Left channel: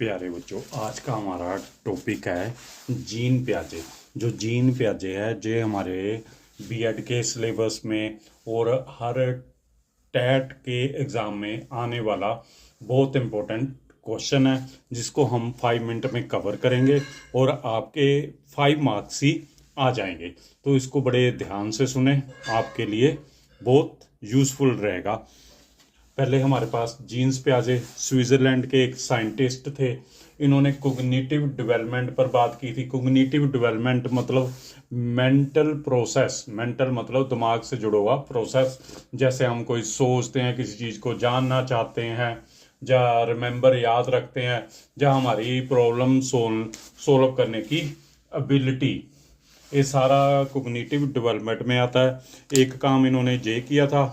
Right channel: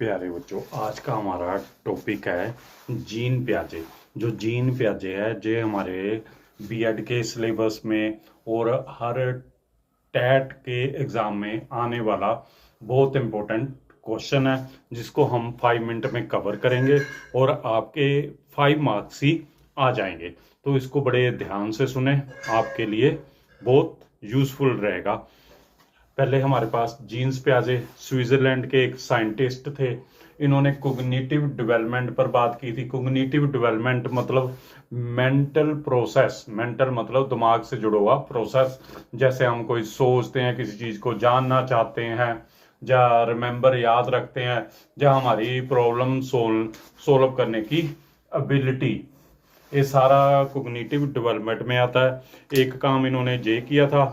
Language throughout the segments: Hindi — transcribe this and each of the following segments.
प्यारे बच्चों, आज का हमारा टॉपिक है जीन प्याजे। जो जीन प्याजे है जे हमारे बीएड के सिलेबस में और हर टेट के एग्ज़ाम में आने वाला बहुत इम्पोर्टेंट क्वेश्चन है, जिसको हम 5 मिनट में कवर करेंगे और आपके 5 मार्क्स ही आ जाएंगे। तो इसको बड़े ध्यान से सुने, आपके लिए बहुत यूज़फुल रहेगा। पहले हमारे पास जीन्स प्याजे स्विट्ज़रलैंड के एक साइंटिस्ट थे। इन्होंने कोग्निटिव डेवलपमेंट पर बात की थी। कोग्निटिव डेवलपमेंट मतलब मेंटल प्रोसेस, मेंटल मतलब दिमाग से जुड़ा हुआ प्रोसेस। जैसे हम कोई सोचते हैं, किसी चीज़ को जानना चाहते हैं, या रिमेंबर याद रखते हैं, या हमारी प्रॉब्लम सोल्व करने की एबिलिटी, ये सारा कोग्निटिव डेवलपमेंट में आता है। एक काम इन्होंने ये किया था,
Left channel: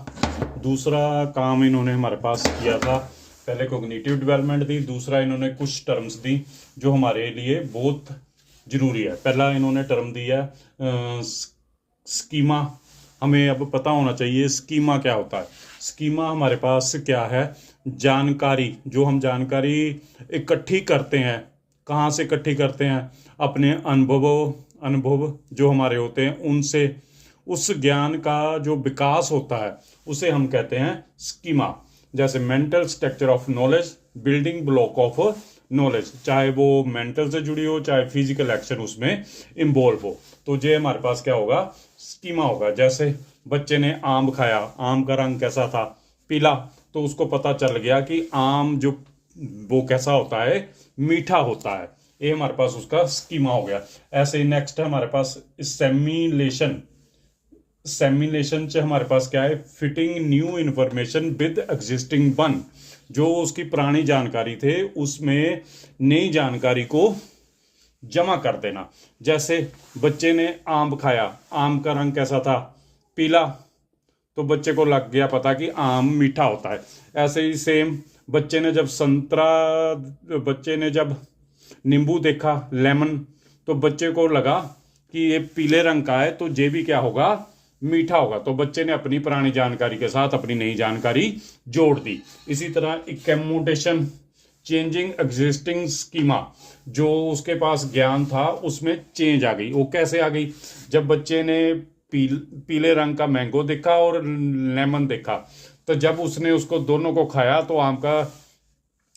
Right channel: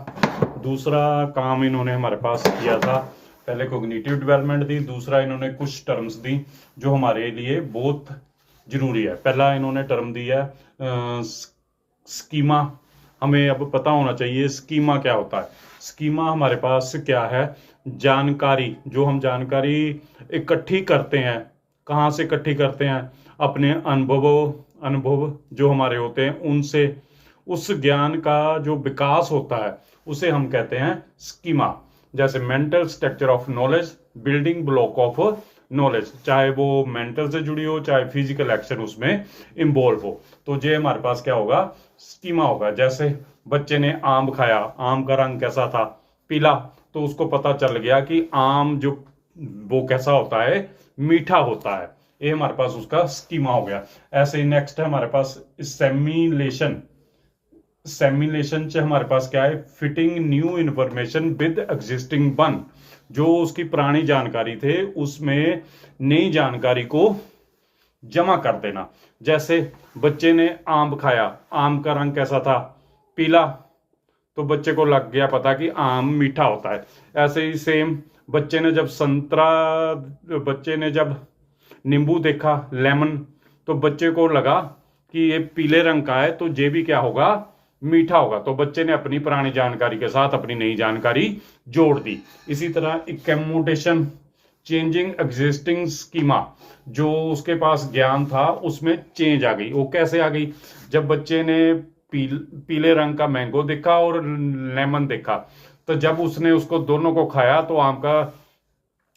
दूसरा काम इन्होंने हमारे पास किया था। पहले कोग्निटिव डेवलपमेंट दी, दूसरा इन्होंने कुछ टर्म्स दी जो हमारे लिए बहुत ज़रूरी है। पहला इन्होंने टर्म दिया स्कीमा। हमें अब पता होना चाहिए स्कीमा क्या होता है। स्कीमा हमारे पास क्या है? जानकारी, जो हम जानकारी इकट्ठी करते हैं। कहाँ से इकट्ठी करते हैं? अपने अनुभव जो हमारे होते हैं उनसे। उस ज्ञान का जो विकास होता है उसे हम कहते हैं स्कीमा। जैसे mental structure of knowledge, building block of knowledge, चाहे वो मेंटल से जुड़ी हो, चाहे फिजिकल एक्शन उसमें इन्वॉल्व हो। तो ये हमारे पास क्या होगा? स्कीमा होगा। जैसे बच्चे ने आम खाया, आम का रंग कैसा था? पीला। तो उसको पता चल गया कि आम जो वो कैसा होता है? मीठा होता है। ये हमारे पास उसका स्कीमा हो गया। ऐसे ही नेक्स्ट है हमारे पास सेमिलेशन। सेमिलेशन से हमारे पास क्या है? Fitting new information with existing one. जो उसकी पुरानी जानकारी थे उसमें नई जानकारी को जमा कर देना। जैसे बच्चे ने आम खाया, आम का रंग कैसा था? पीला। तो बच्चे को लग गया पता कि आम मीठा होता है। ऐसे ही सेम बच्चे ने जब नींबू देखा, लेमन, तो बच्चे को लगा कि ये पीले रंग का है, तो ये भी क्या होगा? मीठा होगा। तो बच्चे ने अपनी पुरानी जानकारी के साथ अपनी नई जानकारी जोड़ दी। इसी तरह इकैमोडेशन, चेंजिंग एग्जिस्टिंग स्कीमा। जो उसके पास ज्ञान था उसमें चेंज आ गई। वो कैसे आ गई? जब बच्चे ने पीले रंग का मैंगो देखा और लेमन देखा, तो जब उसने उसको दोनों को खाया तो आम का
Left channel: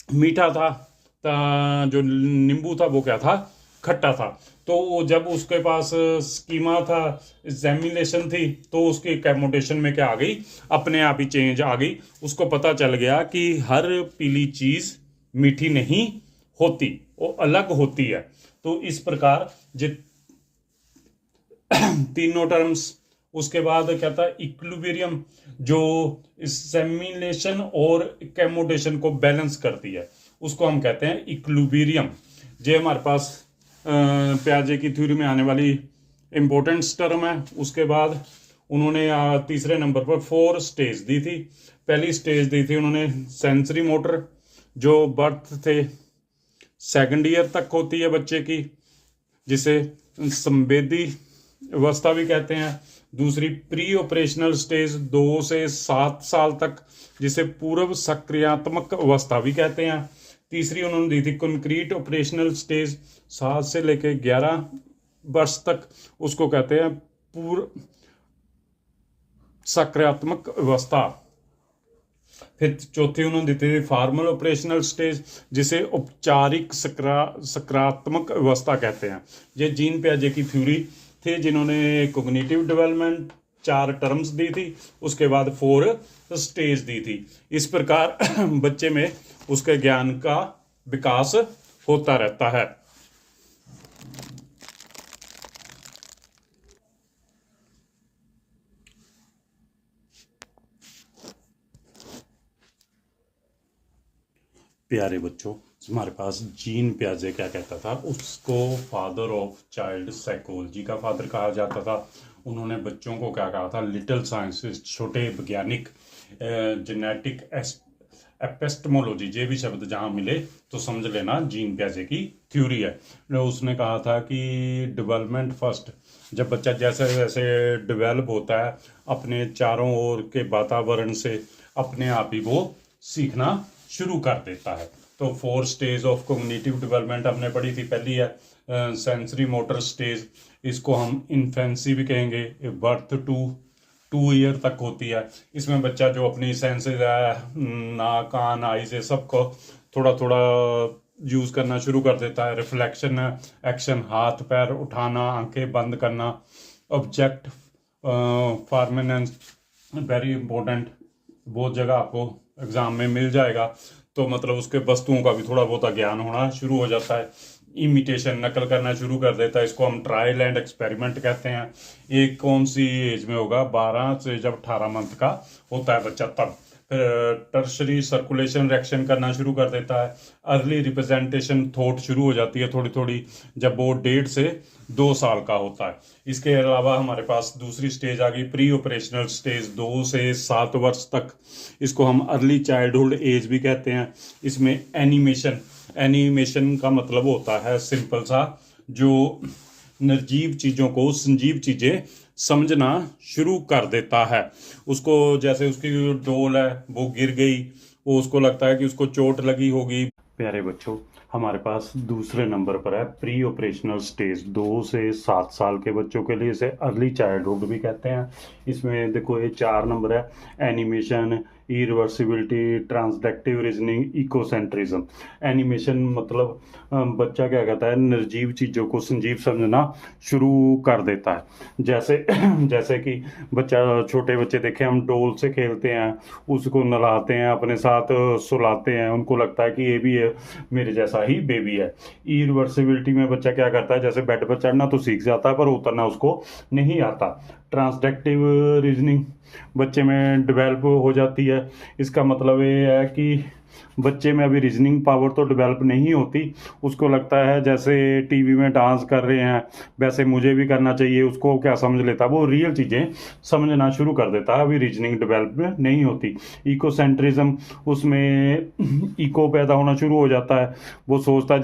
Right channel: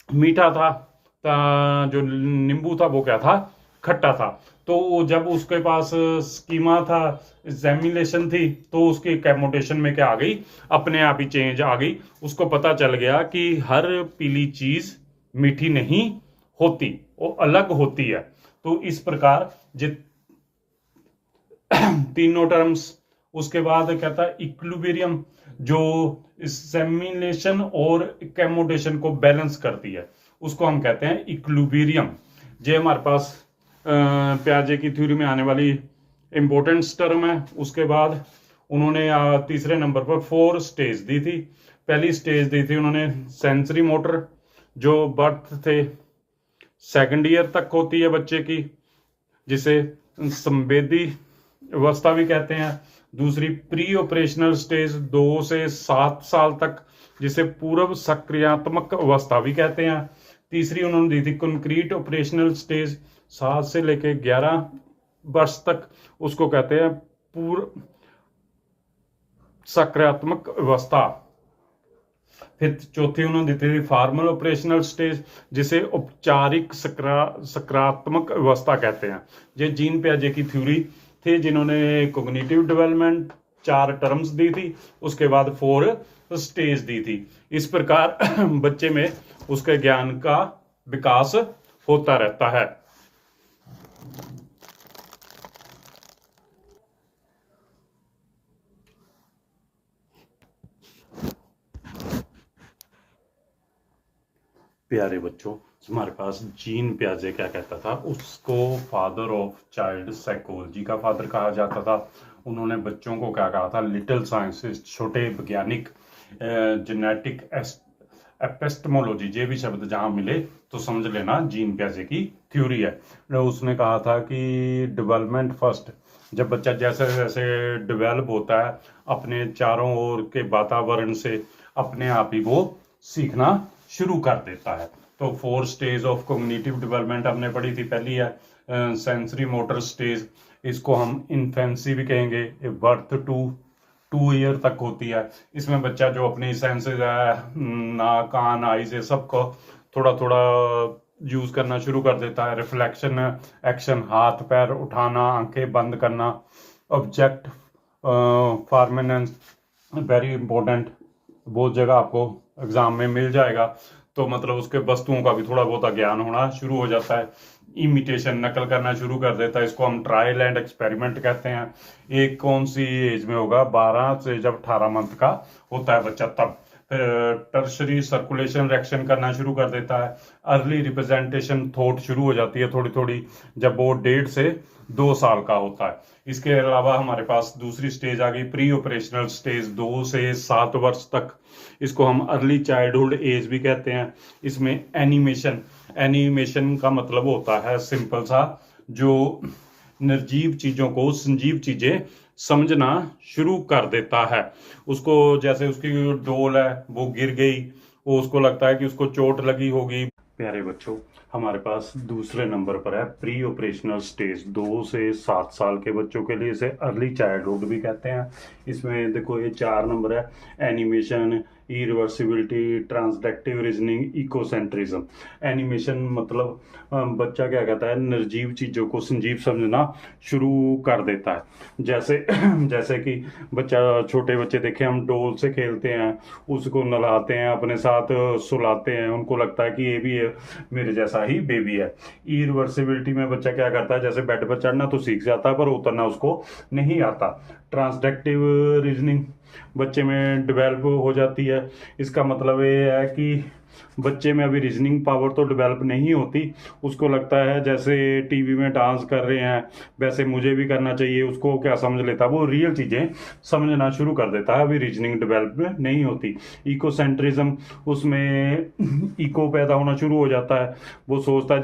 मीठा था, जो नींबू था वो क्या था? खट्टा था। तो जब उसके पास स्कीमा था, एग्जामिनेशन थी, तो उसकी कैमोटेशन में क्या आ गई? अपने आप ही चेंज आ गई। उसको पता चल गया कि हर पीली चीज मीठी नहीं होती, वो अलग होती है। तो इस प्रकार तीनों टर्म्स। उसके बाद क्या था? इक्विलिब्रियम, जो सेमिलेशन और कैमोटेशन को बैलेंस करती है, उसको हम कहते हैं इक्विलिब्रियम। ये हमारे पास प्याजे की थ्योरी में आने वाली इंपॉर्टेंट टर्म है। उसके बाद उन्होंने तीसरे नंबर पर 4 स्टेज दी थी। पहली स्टेज दी थी उन्होंने सेंसरी मोटर, जो बर्थ से सेकंड ईयर तक होती है बच्चे की, जिसे संवेदी अवस्था भी कहते हैं। दूसरी प्री ऑपरेशनल स्टेज 2 से 7 साल तक, जिसे पूर्व सक्रियात्मक अवस्था भी कहते हैं। तीसरी उन्होंने दी थी कंक्रीट ऑपरेशनल स्टेज, 7 से लेकर 11 वर्ष तक, उसको कहते हैं पूर्व सक्रियात्मक अवस्था। फिर चौथी उन्होंने दी थी फॉर्मल ऑपरेशनल स्टेज, जिसे औपचारिक सकारात्मक अवस्था कहते हैं। ये जीन प्याजे की थ्योरी थे, जिन्होंने कोग्निटिव डेवलपमेंट 4 टर्म्स दी थी, उसके बाद 4 स्टेज दी थी। इस प्रकार बच्चे में उसके ज्ञान का विकास होता रहता है। प्यारे बच्चों, हमारे पास जीन प्याजे क्या कहता था? उसको फादर ऑफ चाइल्ड साइकोलॉजी का फादर कहा जाता था। उन्होंने बच्चों को क्या कहा था? लिटिल साइंसिस्ट, छोटे वैज्ञानिक। जेनेटिक एपिस्टेमोलॉजी, ये भी शब्द जहाँ मिले तो समझ लेना जीन प्याजे की थ्योरी है। उसने कहा था कि डेवलपमेंट फर्स्ट, जब बच्चा जैसे जैसे डेवलप होता है अपने चारों ओर के वातावरण से, अपने आप ही वो सीखना शुरू कर देता है। तो 4 स्टेज ऑफ कोग्निटिव डेवलपमेंट हमने पढ़ी थी। पहली है सेंसरी मोटर स्टेज, इसको हम इन्फेंसी भी कहेंगे। बर्थ टू ईयर तक होती है। इसमें बच्चा जो अपनी सेंसेस है, नाक, कान, आईज, सबको थोड़ा थोड़ा यूज़ करना शुरू कर देता है। रिफ्लेक्शन, एक्शन, हाथ पैर उठाना, आंखें बंद करना। ऑब्जेक्ट फॉर्मेनेंस, वेरी इंपॉर्टेंट, बहुत जगह आपको एग्जाम में मिल जाएगा। तो मतलब उसके वस्तुओं का भी थोड़ा बहुत ज्ञान होना शुरू हो जाता है। इमिटेशन, नकल करना शुरू कर देता है। इसको हम ट्रायल एंड एक्सपेरिमेंट कहते हैं। एक कौन सी एज में होगा? 12 से जब 18 मंथ का होता है बच्चा तब। फिर टर्शरी सर्कुलेशन रिएक्शन करना शुरू कर देता है। अर्ली रिप्रेजेंटेशन थॉट शुरू हो जाती है थोड़ी थोड़ी जब वो 1.5 से 2 साल का होता है। इसके अलावा हमारे पास दूसरी स्टेज आ गई प्री ऑपरेशनल स्टेज, 2 से 7 वर्ष तक। इसको हम अर्ली चाइल्डहुड एज भी कहते हैं। इसमें एनिमेशन का मतलब होता है सिंपल सा, जो निर्जीव चीज़ों को संजीव चीज़ें समझना शुरू कर देता है। उसको जैसे उसकी डोल है वो गिर गई, वो उसको लगता है कि उसको चोट लगी होगी। प्यारे बच्चों, हमारे पास दूसरे नंबर पर है प्री ऑपरेशनल स्टेज, 2 से 7 साल के बच्चों के लिए। इसे अर्ली चाइल्डहुड भी कहते हैं। इसमें देखो ये 4 नंबर है: एनिमेशन, इरिवर्सिबिलिटी, ट्रांसडेक्टिव रीजनिंग, इकोसेंट्रिज्म। एनिमेशन मतलब बच्चा क्या कहता है, निर्जीव चीज़ों को संजीव समझना शुरू कर देता है। जैसे कि छोटे बच्चे देखे हम डोल से खेलते हैं, उसको नहलाते हैं, अपने साथ सुलाते हैं, उनको लगता है कि ये भी है मेरे जैसा ही बेबी है। इरिवर्सिबिलिटी में बच्चा क्या करता है, जैसे बेड पर चढ़ना तो सीख जाता है पर उतरना उसको नहीं आता। ट्रांसडेक्टिव रीजनिंग बच्चे में डेवलप हो जाती है। इसका मतलब ये है कि बच्चे में अभी रीजनिंग पावर तो डेवलप नहीं होती, उसको लगता है जैसे टीवी में डांस कर रहे हैं वैसे मुझे भी करना चाहिए। उसको क्या समझ लेता है, वो रियल चीज़ें समझना शुरू कर देता है, अभी रीजनिंग डेवलप नहीं होती। इकोसेंट्रिज्म, उसमें इको पैदा होना शुरू हो जाता है। वो सोचता है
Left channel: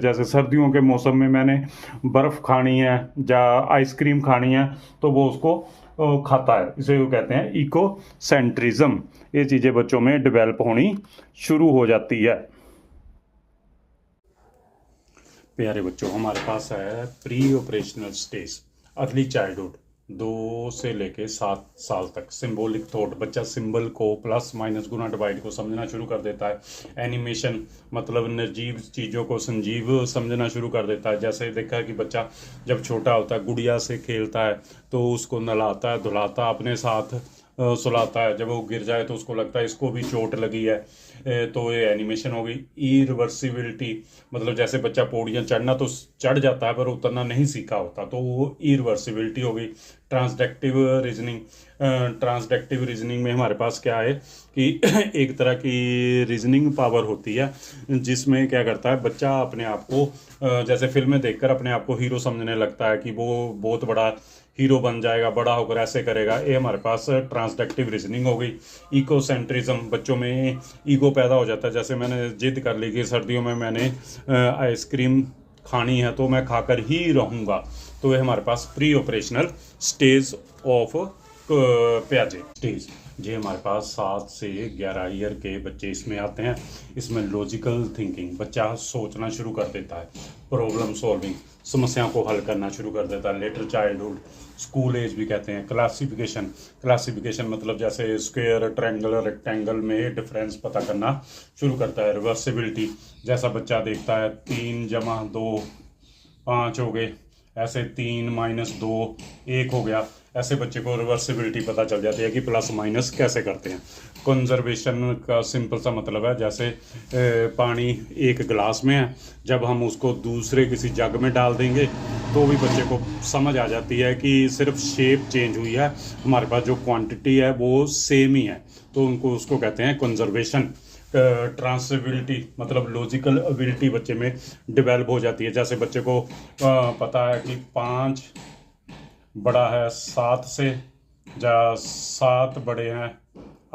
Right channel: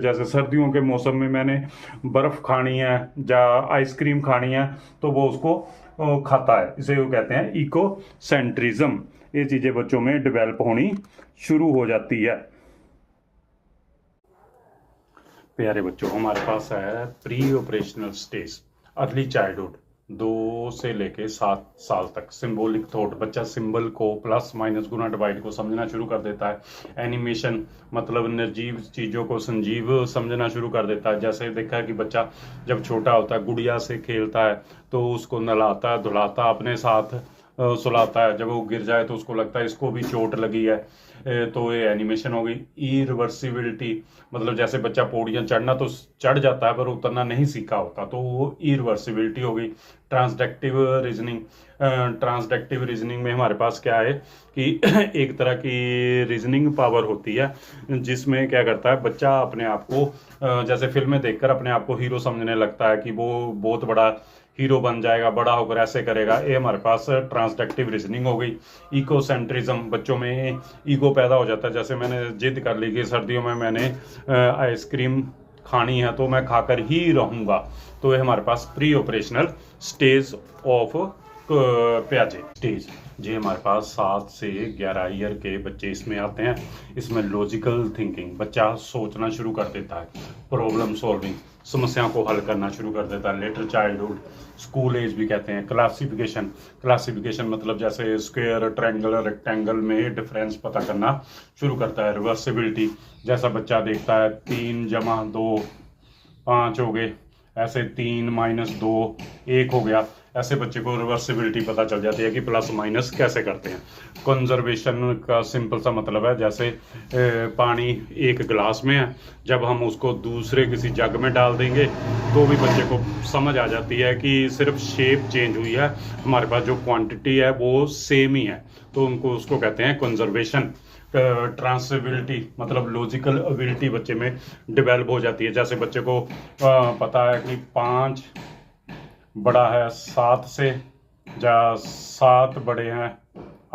जैसे सर्दियों के मौसम में मैंने बर्फ़ खानी है या आइसक्रीम खानी है तो वो उसको खाता है। इसे वो कहते हैं इको सेंट्रिज्म। ये चीज़ें बच्चों में डेवलप होनी शुरू हो जाती है। प्यारे बच्चों, हमारे पास है pre operational stage, early childhood, 2 से लेके 7 साल तक। सिंबॉलिक थॉट, बच्चा सिंबल को प्लस माइनस गुना डिवाइड को समझना शुरू कर देता है। एनिमेशन मतलब निर्जीव चीज़ों को संजीव समझना शुरू कर देता है। जैसे देखा है कि बच्चा जब छोटा होता है गुड़िया से खेलता है तो उसको नहलाता है, धुलाता, अपने साथ सुलाता है। जब वो गिर जाए तो उसको लगता है इसको भी चोट लगी है, तो ये एनिमेशन हो गई। इरिवर्सिबिलिटी मतलब जैसे बच्चा पौड़ियाँ चढ़ना तो चढ़ जाता है पर उतरना नहीं सीखा होता, तो वो इरिवर्सिबिलिटी हो गई। ट्रांसडेक्टिव रीजनिंग में हमारे पास क्या है कि एक तरह की रीजनिंग पावर होती है जिसमें क्या करता है बच्चा अपने आप को जैसे फिल्में देखकर अपने आप को हीरो समझने लगता है कि वो बहुत बड़ा हीरो बन जाएगा, बड़ा होकर ऐसे करेगा। ये हमारे पास ट्रांसडेक्टिव रीजनिंग हो गई। इकोसेंट्रिज्म, बच्चों में ईगो पैदा हो जाता है। जैसे मैंने जिद कर ली कि सर्दियों में मैंने आइसक्रीम खानी है तो मैं खाकर ही रहूँगा, तो ये हमारे पास प्री ऑपरेशनल स्टेज ऑफ प्याजे स्टेज। ये हमारे पास 7 से 11 ईयर के बच्चे इसमें आते हैं। इसमें लॉजिकल थिंकिंग, बच्चा सोचना शुरू कर देता है, प्रॉब्लम सॉल्विंग, समस्याओं को हल करना शुरू कर देता है। लेटर चाइल्डहुड, स्कूल एज भी कहते हैं। क्लासिफिकेशन मतलब जैसे स्क्वायर, ट्रायंगल, रेक्टेंगल में डिफरेंस पता करना शुरू करता है। रिवर्सिबिलिटी, जैसा बच्चा देखता है 3 जमा 2 5 हो गए, ऐसे 3 माइनस 2 1 हो गया, ऐसे बच्चे को रिवर्सिबिलिटी पता चल जाती है कि प्लस माइनस कैसे करते हैं। कंजर्वेशन का सिंपल सा मतलब है जैसे पानी एक गिलास में है, जब हम उसको दूसरे किसी जग में डाल देंगे तो भी बच्चे को समझ आ जाती है कि सिर्फ शेप चेंज हुई है, हमारे पास जो क्वांटिटी है वो सेम ही है, तो उसको कहते हैं कंजर्वेशन। ट्रांसबिलिटी मतलब लॉजिकल एबिलिटी बच्चे में डेवलप हो जाती है। जैसे बच्चे को पता है कि 5 बड़ा है 7 से, या 7 बड़े हैं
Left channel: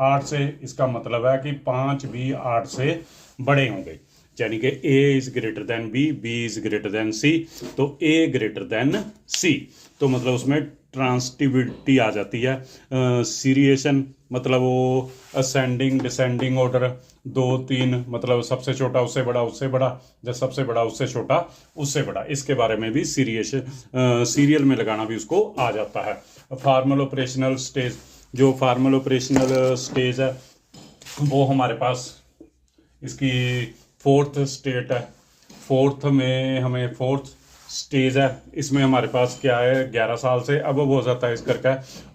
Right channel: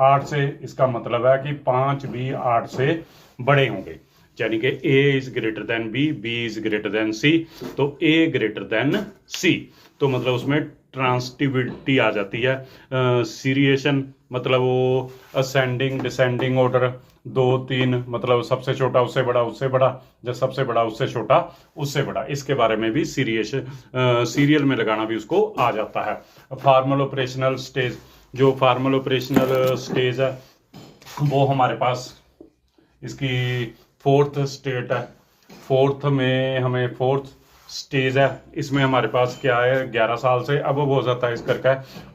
8 से, इसका मतलब है कि 5 भी 8 से बड़े होंगे, यानी कि A is greater than B, B is greater than C, तो A ग्रेटर देन C, तो मतलब उसमें ट्रांसटिविटी आ जाती है। सीरिएशन मतलब वो असेंडिंग डिसेंडिंग ऑर्डर, 2 3 मतलब सबसे छोटा उससे बड़ा उससे बड़ा, जब सबसे बड़ा उससे छोटा उससे बड़ा, इसके बारे में भी सीरियल में लगाना भी उसको आ जाता है। फॉर्मल ऑपरेशनल स्टेज, जो फॉर्मल ऑपरेशनल स्टेज है वो हमारे पास इसकी 4th स्टेट है। 4th में हमें 4th स्टेज है, इसमें हमारे पास क्या है 11 साल से अब हो जाता है इस करके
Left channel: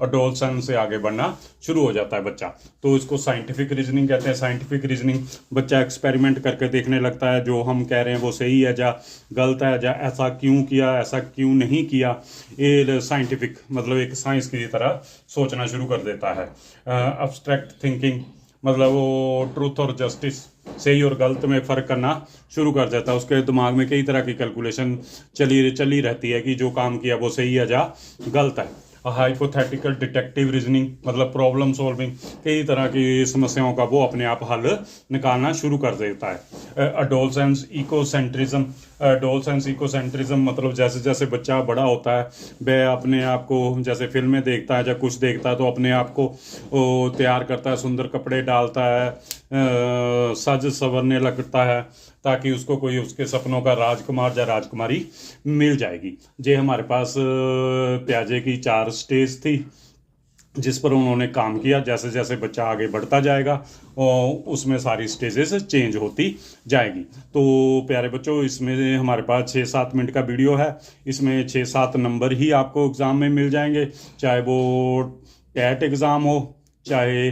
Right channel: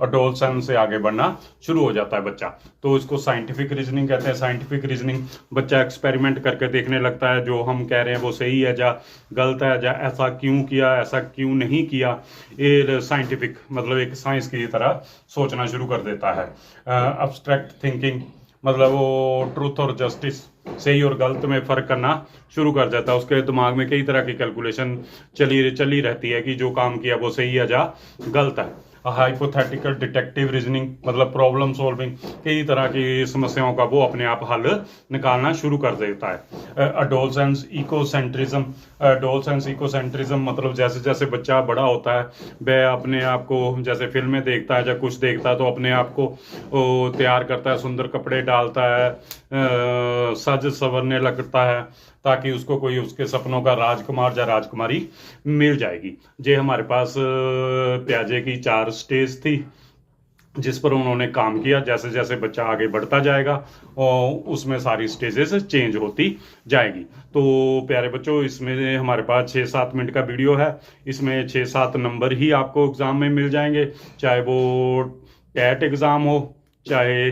अडोलसेंस से आगे बढ़ना शुरू हो जाता है बच्चा। तो इसको साइंटिफिक रीजनिंग कहते हैं। साइंटिफिक रीजनिंग, बच्चा एक्सपेरिमेंट करके देखने लगता है जो हम कह रहे हैं वो सही है या गलत है, या ऐसा क्यों किया ऐसा क्यों नहीं किया। ये साइंटिफिक मतलब एक साइंस की तरह सोचना शुरू कर देता है। अब्स्ट्रैक्ट थिंकिंग मतलब वो ट्रूथ और जस्टिस, सही और गलत में फ़र्क करना शुरू कर देता है। उसके दिमाग में कई तरह की कैलकुलेशन चली रहती है कि जो काम किया वो सही है या गलत है। हाइपोथेटिकल डिटेक्टिव रीजनिंग मतलब प्रॉब्लम सॉल्विंग, कई तरह की समस्याओं का वो अपने आप हल निकालना शुरू कर देता है। अडोलसेंस इकोसेंट्रिज्म, अडोलसेंस इकोसेंट्रिज्म मतलब जैसे जैसे बच्चा बड़ा होता है वह अपने आप को जैसे फिल्में देखता है या कुछ देखता है तो अपने आप को तैयार करता है, सुंदर कपड़े डालता है, सज संवरने लगता है ताकि उसको कोई उसके सपनों का राजकुमार या राजकुमारी मिल जाएगी। ये हमारे पास प्याजे की 4 स्टेज थी जिस पर उन्होंने काम किया। जैसे जैसे बच्चा आगे बढ़ता जाएगा और उसमें सारी स्टेजेस चेंज होती जाएगी। तो प्यारे बच्चों, इसमें हमारे पास 6-7 मिनट का वीडियो है, इसमें 6-7 नंबर ही आपको एग्ज़ाम में मिल जाएंगे, चाहे वो कैट एग्ज़ाम हो, चाहे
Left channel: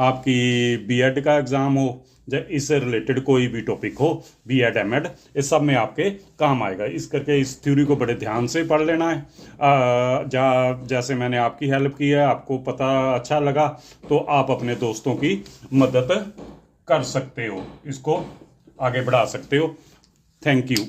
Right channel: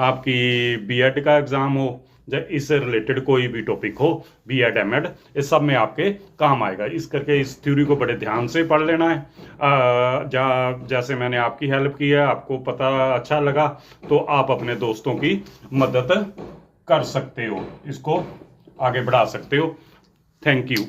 आपकी बीएड का एग्ज़ाम हो, या इससे रिलेटेड कोई भी टॉपिक हो, बीएड एमएड, इस सब में आपके काम आएगा। इस करके इस थ्योरी को बड़े ध्यान से पढ़ लेना है। जैसे मैंने आपकी हेल्प की है, आपको पता अच्छा लगा तो आप अपने दोस्तों की मदद कर सकते हो, इसको आगे बढ़ा सकते हो। Thank you.